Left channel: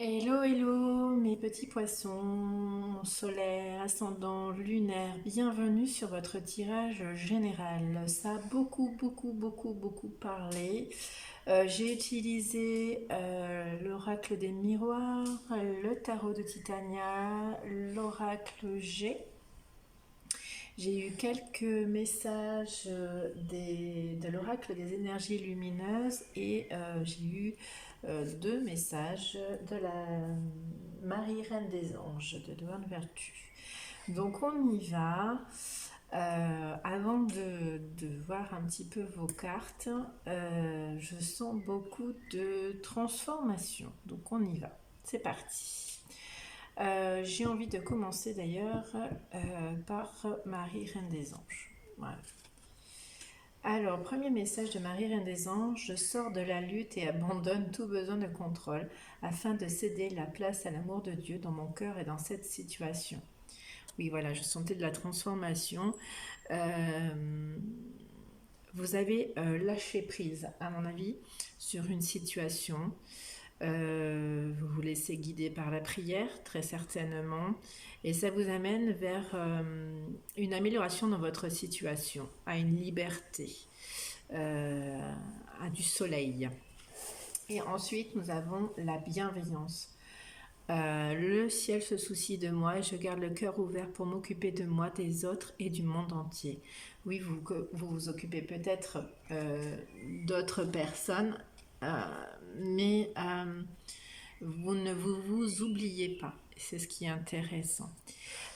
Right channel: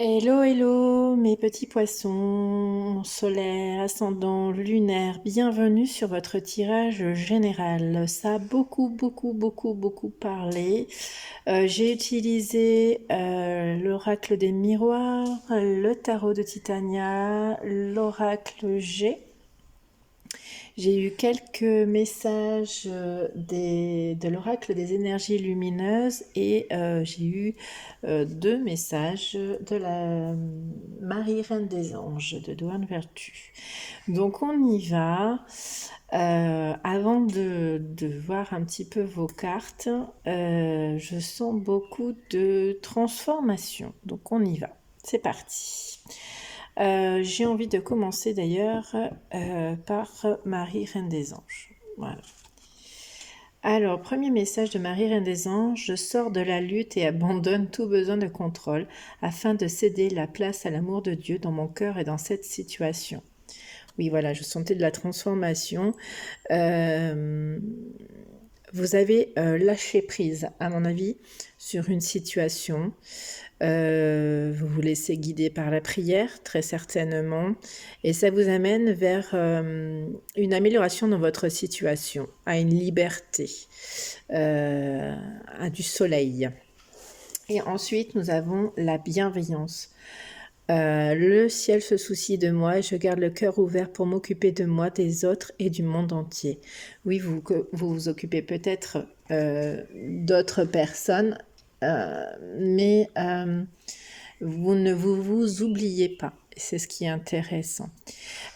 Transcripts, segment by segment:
Hello, hello, mes petits poissons solaires, ascendants, lunaires, bienvenue sur votre tirage général. Ça a beaucoup parlé. J'ai utilisé l'oracle des miroirs, le tarot de Titania, l'oracle G. J'ai eu quelques messages de l'oracle des énergies lumineuses et j'ai eu deux messages de la Marie Reine des Anges de Douane Vertu. Donc on y va. Avant de voir un petit peu vos cartes, je sens beaucoup de transformation. Donc on y va. C'est parti. J'ai envie de commencer d'ailleurs par Marie, Reine des Anges. Voilà. Alors, premier message de Marie, Reine des Anges, je sors de la lutte et abandonne tout besoin de contrôle afin de céder la place à l'amour de Dieu dans mon cœur et dans cette situation. Oui, voilà, je sentais de la transformation. Vous avez lâché prise, à mon avis, sur une situation. Vous vous laissez guider par la prière, très certainement, et ça vous amène vers une amélioration dans votre situation, à une liberté, à du soleil. Et ensuite, nous avons la bienveillance. Le ciel se soucie de moi et je garde le cœur ouvert pour m'occuper de moi, des autres et du monde entier. Oui, vous occupez peut-être d'autres personnes, mais vous ne vous oubliez pas. C'est ce qui est intéressant.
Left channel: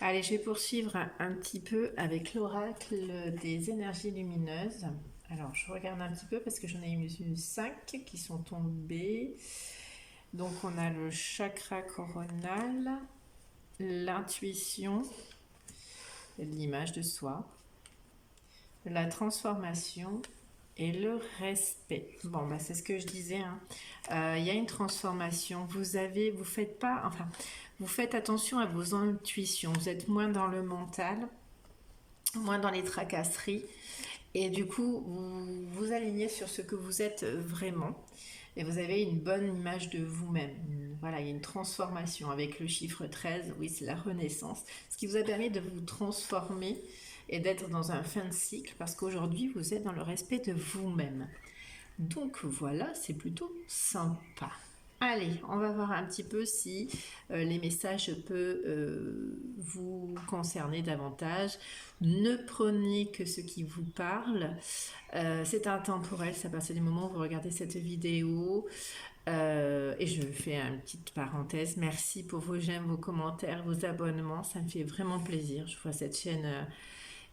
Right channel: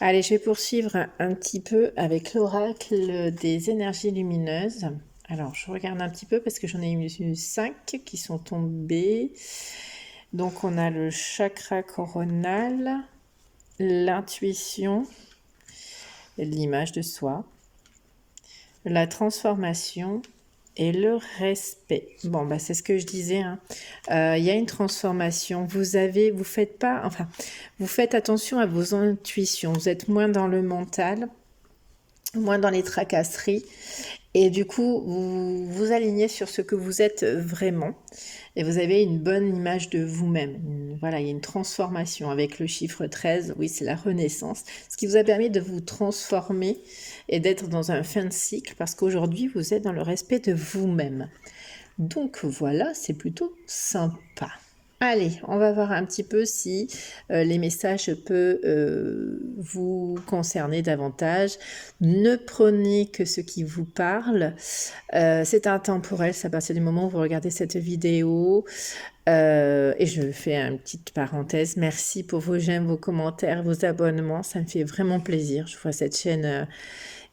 Allez, je vais poursuivre un petit peu avec l'oracle des énergies lumineuses. Alors, je regarde un petit peu parce que j'en ai eu 5 qui sont tombés. Donc, on a le chakra coronal, l'intuition, l'image de soi, la transformation et le respect. Bon, bah, c'est ce que je disais, hein. Y a une transformation. Vous faites attention à vos intuitions. Vous êtes moins dans le mental, moins dans les tracasseries. Et du coup, vous vous alignez sur ce que vous êtes vraiment. Et vous avez une bonne image de vous-même. Voilà, il y a une transformation avec le chiffre 13. Oui, c'est la renaissance. Ce qui vous a permis de vous transformer et d'être dans un fin de cycle parce qu'aujourd'hui, vous êtes dans le respect de vous-même. Donc voilà, c'est plutôt sympa. Allez, on va voir un petit peu si les messages peuvent vous concerner davantage. Ne prenez que ce qui vous parle. C'est intemporel, c'est à partir du moment où vous regardez cette vidéo. Et je fais une petite parenthèse. Merci pour vos j'aime, vos commentaires, vos abonnements. Ça me fait vraiment plaisir. Je vois cette chaîne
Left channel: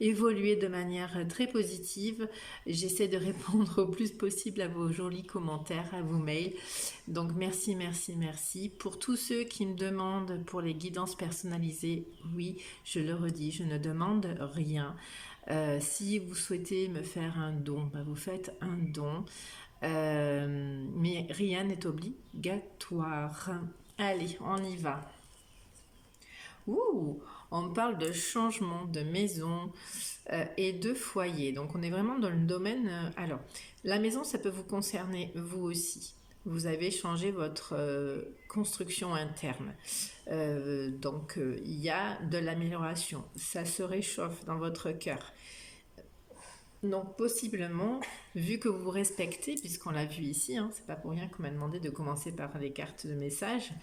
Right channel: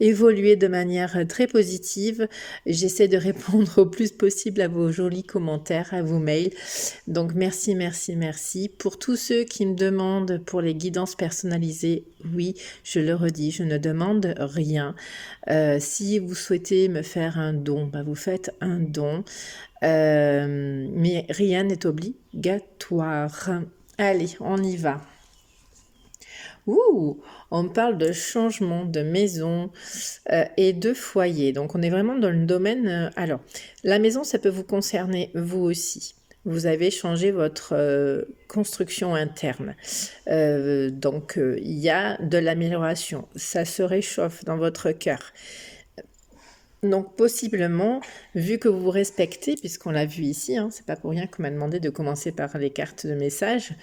évoluer de manière très positive. J'essaie de répondre au plus possible à vos jolis commentaires, à vos mails. Donc merci. Pour tous ceux qui me demandent pour les guidances personnalisées, oui, je le redis, je ne demande rien. Si vous souhaitez me faire un don, bah vous faites un don. Mais rien n'est obligatoire. Allez, on y va. Ouh, on parle de changement de maison et de foyer. Donc on est vraiment dans le domaine. Alors, la maison, ça peut vous concerner vous aussi. Vous avez changé votre construction interne. Donc il y a de l'amélioration. Ça se réchauffe dans votre cœur. Donc possiblement, vu que vous vous respectez, puisqu'on l'a vu ici, hein, c'est pas pour rien qu'on m'a demandé de commencer par les cartes de message,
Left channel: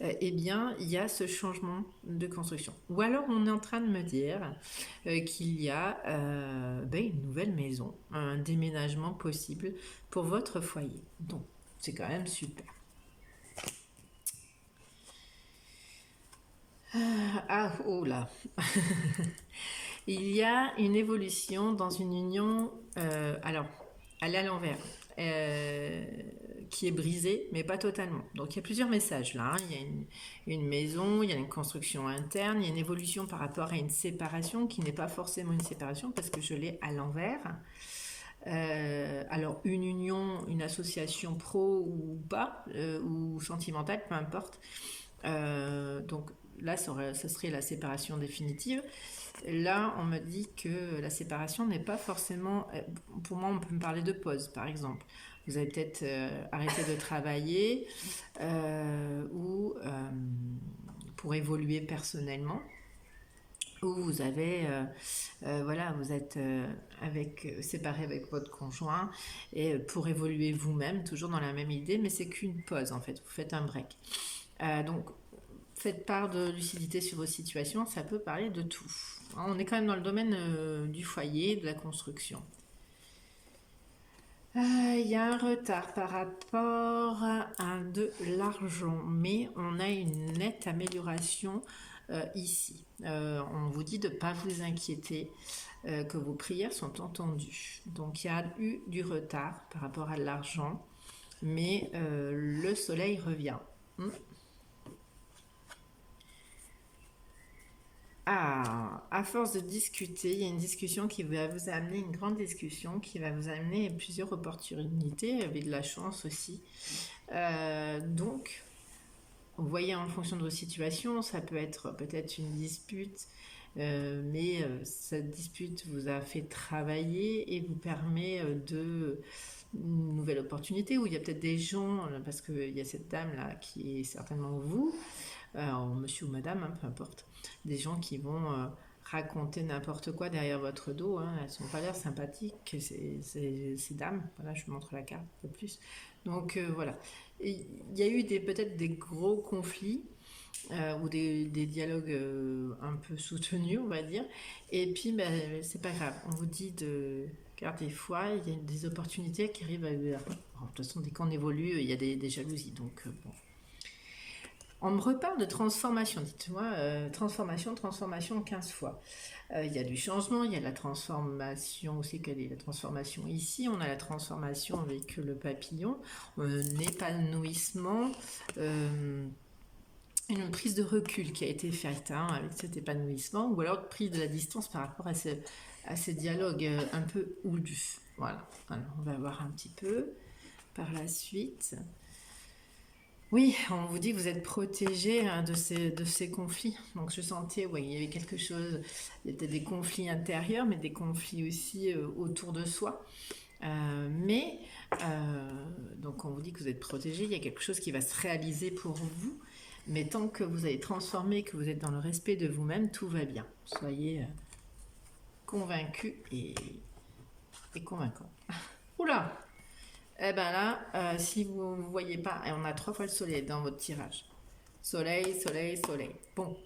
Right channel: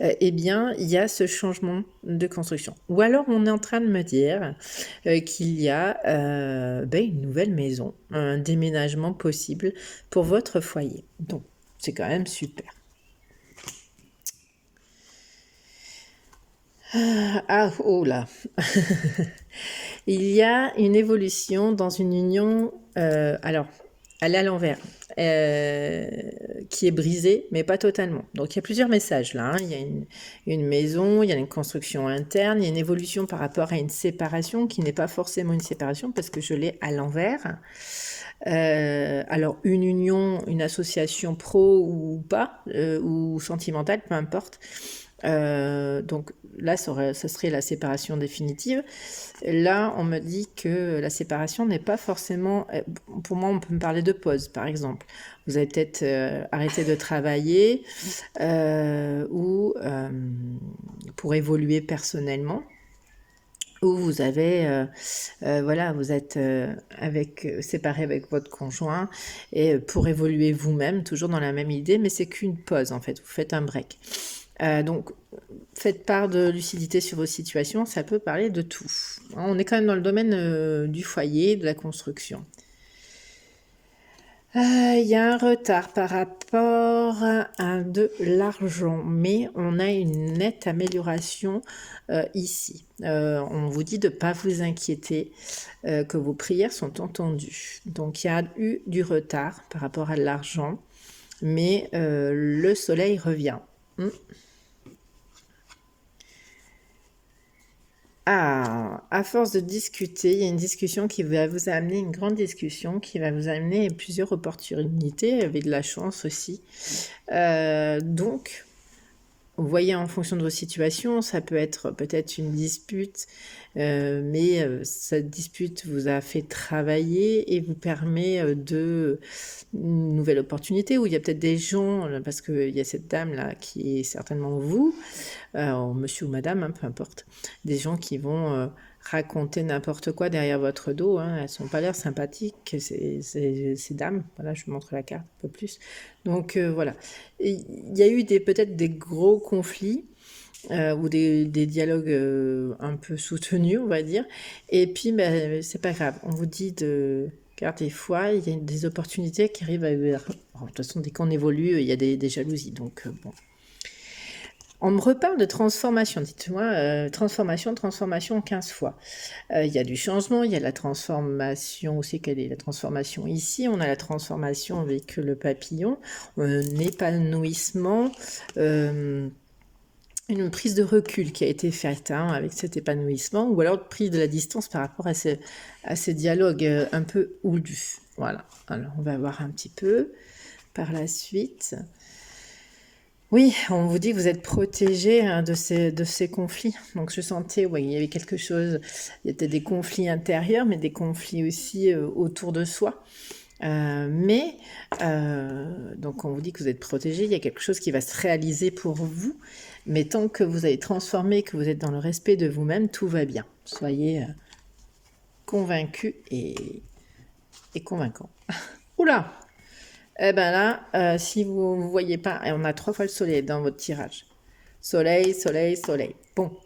eh bien il y a ce changement de construction. Ou alors on est en train de me dire qu'il y a une nouvelle maison, un déménagement possible pour votre foyer. Donc c'est quand même super. Ah, oh là. Il y a une évolution dans une union, alors, elle est à l'envers, qui est brisée, mais pas totalement. Donc il y a plusieurs messages là, hein. Il y a une maison, il y a une construction interne, il y a une évolution par rapport à une séparation qui n'est pas forcément une séparation parce que je l'ai à l'envers. Alors une union, une association pro ou pas, ou sentimentale, peu importe. Donc là, ça serait la séparation définitive. Là, on me dit que la séparation n'est pas forcément... Pour moi, on peut me parler de pause, par exemple. Vous avez peut-être arrêté de travailler ou pour évoluer personnellement, ou vous avez, voilà, vous êtes séparé avec votre conjoint et pour évoluer vous-même, toujours dans la même idée, mais c'est qu'une pause en fait, vous faites un break. Donc, faites part de lucidité sur vos situations, ça peut parler de tout. On est quand même dans le domaine du foyer, de la construction. Il y a un retard par rapport à de l'argent, mais on a une nette amélioration ici. On vous dit de ne pas vous inquiéter, que vos prières sont entendues. Donc il y a eu du retard par rapport à l'argent, mais le soleil revient. Ah, à force de discuter, il y a une discussion qui va vous amener, une grande discussion qui va vous amener plusieurs opportunités, avec de la chance aussi. Donc, vous voyez, en fonction de vos situations, ça peut être peut-être une dispute, mais cette dispute vous a fait travailler et vous permet de une nouvelle opportunité où il y a peut-être des gens, parce qu'il y a cette dame-là qui est certainement vous, monsieur ou madame, hein, peu importe, des gens qui vont raconter n'importe quoi derrière votre dos, hein, elles n'ont pas l'air sympathiques, ces dames, voilà, je vous montre la carte un peu plus. Donc voilà, il y a eu peut-être des gros conflits, ou des dialogues un peu soutenus, on va dire. Et puis, ben, c'est pas grave. On vous dit de garder foi. Il y a des opportunités qui arrivent. De toute façon, dès qu'on évolue, il y a des jalousies. Donc, bon. On me reparle de transformation, dites-moi, transformation 15 fois. Il y a du changement, il y a la transformation aussi, quelle est la transformation ici? On a la transformation avec le papillon, un épanouissement, une prise de recul qui a été faite avec cet épanouissement, ou alors prise de la distance par rapport à ces dialogues un peu houlus. Voilà, alors on va voir un petit peu par la suite. Oui, on vous dit que vous êtes protégé de ces conflits. Donc je sentais, oui, il y avait quelque chose, il y était des conflits intérieurs, mais des conflits aussi autour de soi. Donc on vous dit que vous êtes protégé, il y a quelque chose qui va se réaliser pour vous, mais tant que vous avez transformé, que vous êtes dans le respect de vous-même, tout va bien. Soyez convaincus et convaincants. Oula! Eh ben là, si vous ne voyez pas, et on a 3 fois le soleil dans votre tirage. Soleil, soleil, soleil. Bon.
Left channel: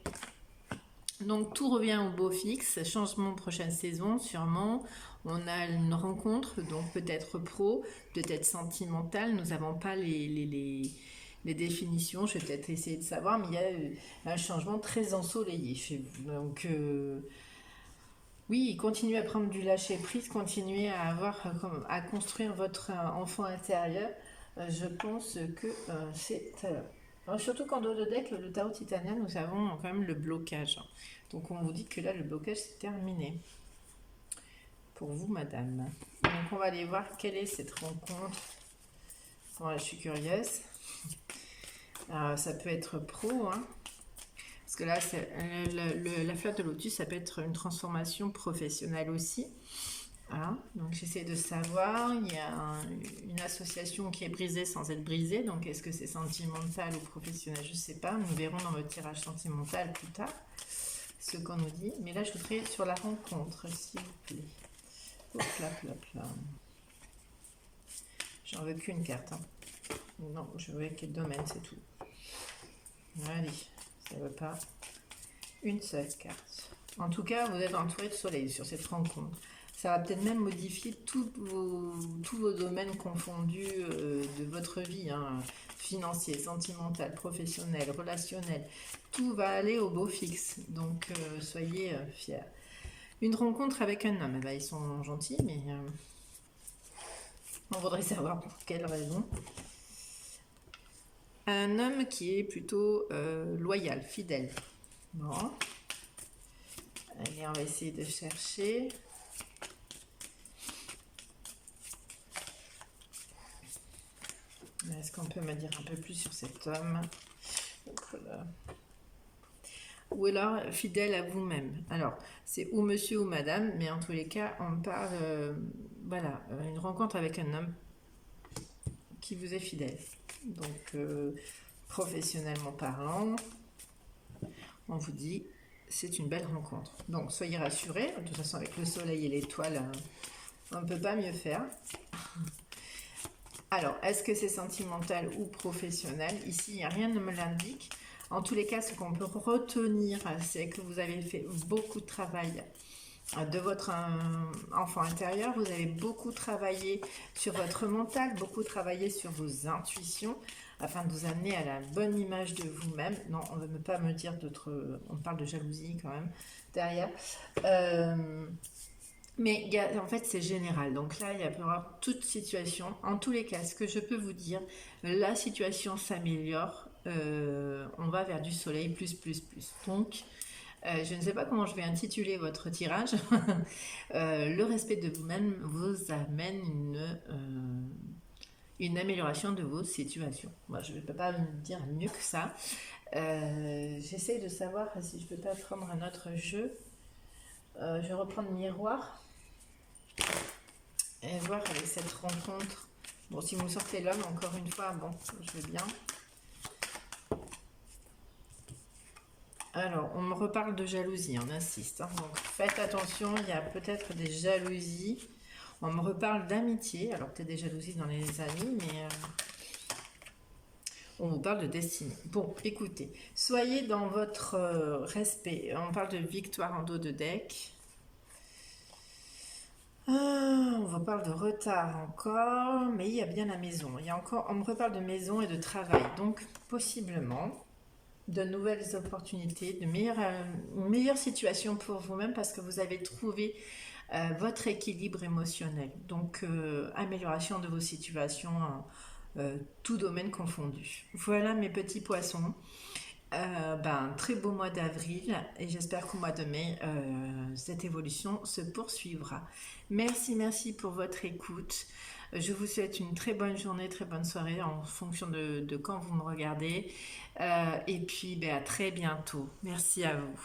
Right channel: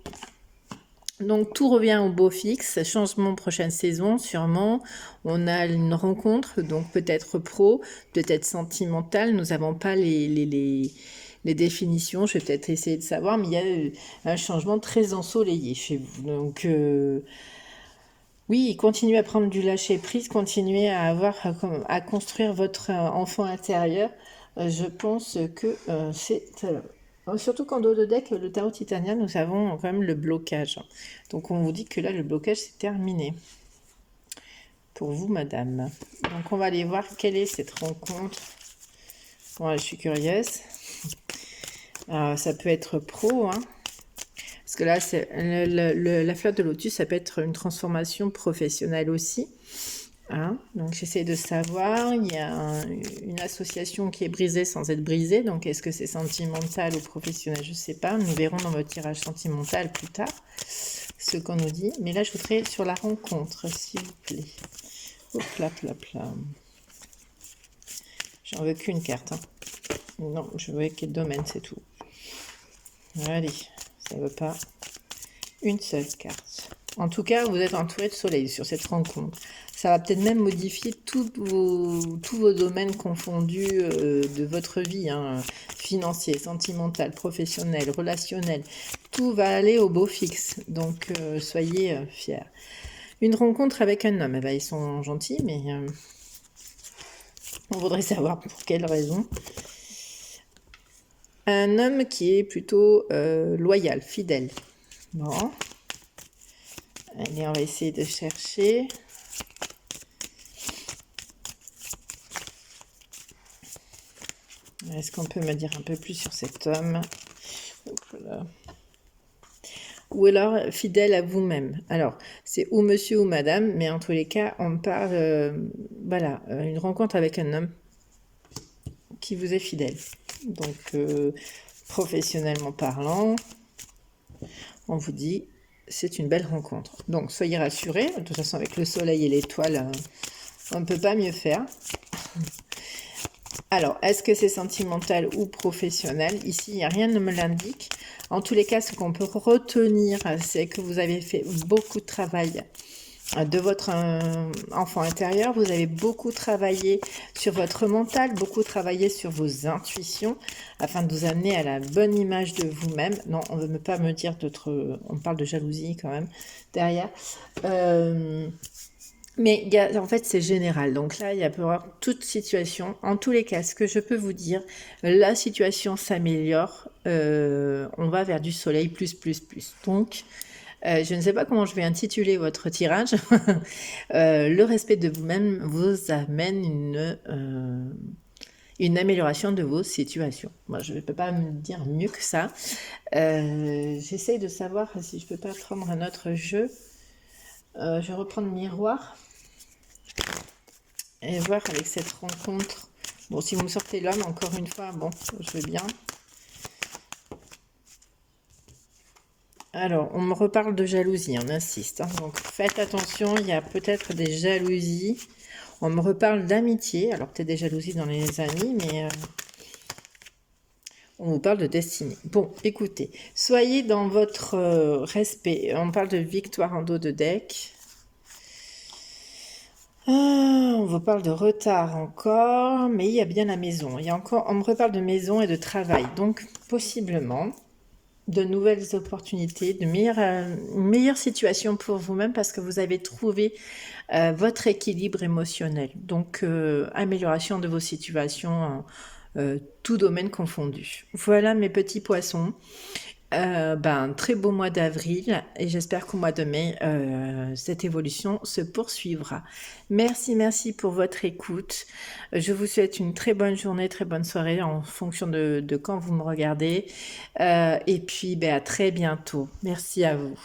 Donc tout revient au beau fixe, changement prochaine saison sûrement. On a une rencontre, donc peut-être pro, peut-être sentimentale. Nous n'avons pas les définitions, je vais peut-être essayer de savoir, mais il y a un changement très ensoleillé chez vous. Donc oui, continuez à prendre du lâcher-prise, continuez à construire votre enfant intérieur. Je pense que c'est... surtout qu'en dos de deck, le tarot titanien, nous avons quand même le blocage. Donc on vous dit que là, le blocage, c'est terminé. Pour vous, madame. Donc on va aller voir quelle est cette rencontre. Bon, je suis curieuse. Ça peut être pro, hein. Parce que là, la flotte de lotus, ça peut être une transformation professionnelle aussi. Hein, donc j'essaie de savoir, il y a une association qui est brisée sans être brisée, donc est-ce que c'est sentimental ou professionnel, je ne sais pas, nous verrons dans votre tirage sentimental plus tard ce qu'on nous dit, mais là je voudrais sur la rencontre, s'il vous plaît. Hop là, là, là. J'en veux qu'une carte, hein. Non, je veux quel domaine, c'est tout. Allez, ça ne veut pas une seule carte. En tout cas, vous êtes entouré de soleil sur cette rencontre. Ça va peut-être même modifier tous vos domaines confondus de votre vie, hein, financier, sentimental, professionnel, relationnel. Tout va aller au beau fixe, donc soyez fiers. Une rencontre avec un homme, eh ben, ils sont gentils, mais on voudrait savoir pour quelle raison. Un homme qui est plutôt loyal, fidèle. Bon. Allez, on va essayer de chercher. Est-ce qu'on peut me dire un peu plus sur cet homme? Ou alors fidèle à vous-même. Alors, c'est ou monsieur ou madame, mais en tous les cas, on parle, voilà, une rencontre avec un homme qui vous est fidèle. Donc, professionnellement parlant, on vous dit c'est une belle rencontre. Donc soyez rassurés, de toute façon avec le soleil et l'étoile, on ne peut pas mieux faire. Alors, est-ce que c'est sentimental ou professionnel? Ici, il n'y a rien ne me l'indique. En tous les cas, ce qu'on peut retenir, c'est que vous avez fait beaucoup de travail de votre enfant intérieur. Vous avez beaucoup travaillé sur votre mental, beaucoup travaillé sur vos intuitions afin de vous amener à la bonne image de vous-même. Non, on ne veut pas me dire d'autres... On parle de jalousie quand même derrière. Mais en fait, c'est général. Donc là, il y a pour avoir toute situation. En tous les cas, ce que je peux vous dire, la situation s'améliore. On va vers du soleil plus, plus, plus. Donc, je ne sais pas comment je vais intituler votre tirage. Le respect de vous-même vous amène une amélioration de vos situations. Moi, je ne peux pas me dire mieux que ça. J'essaye de savoir si je ne peux pas prendre un autre jeu. Je vais reprendre Miroir et voir avec cette rencontre. Bon, si vous me sortez l'homme, encore une fois, bon, je veux bien. Alors, on me reparle de jalousie, on insiste. Hein. Donc, faites attention, il y a peut-être des jalousies. On me reparle d'amitié, alors peut-être des jalousies dans les amis, mais on vous parle de destinée. Bon, écoutez, soyez dans votre respect. On parle de victoire en dos de deck. On vous parle de retard encore, mais il y a bien la maison. Il y a encore, on me reparle de maison et de travail, donc possiblement de nouvelles opportunités, de meilleures situations pour vous-même parce que vous avez trouvé votre équilibre émotionnel. Donc, amélioration de vos situations, tout domaine confondu. Voilà mes petits poissons. Très beau mois d'avril et j'espère qu'au mois de mai, cette évolution se poursuivra. Merci, merci pour votre écoute. Je vous souhaite une très bonne journée, très bonne soirée en fonction de quand vous me regardez. Et puis, à très bientôt. Merci à vous.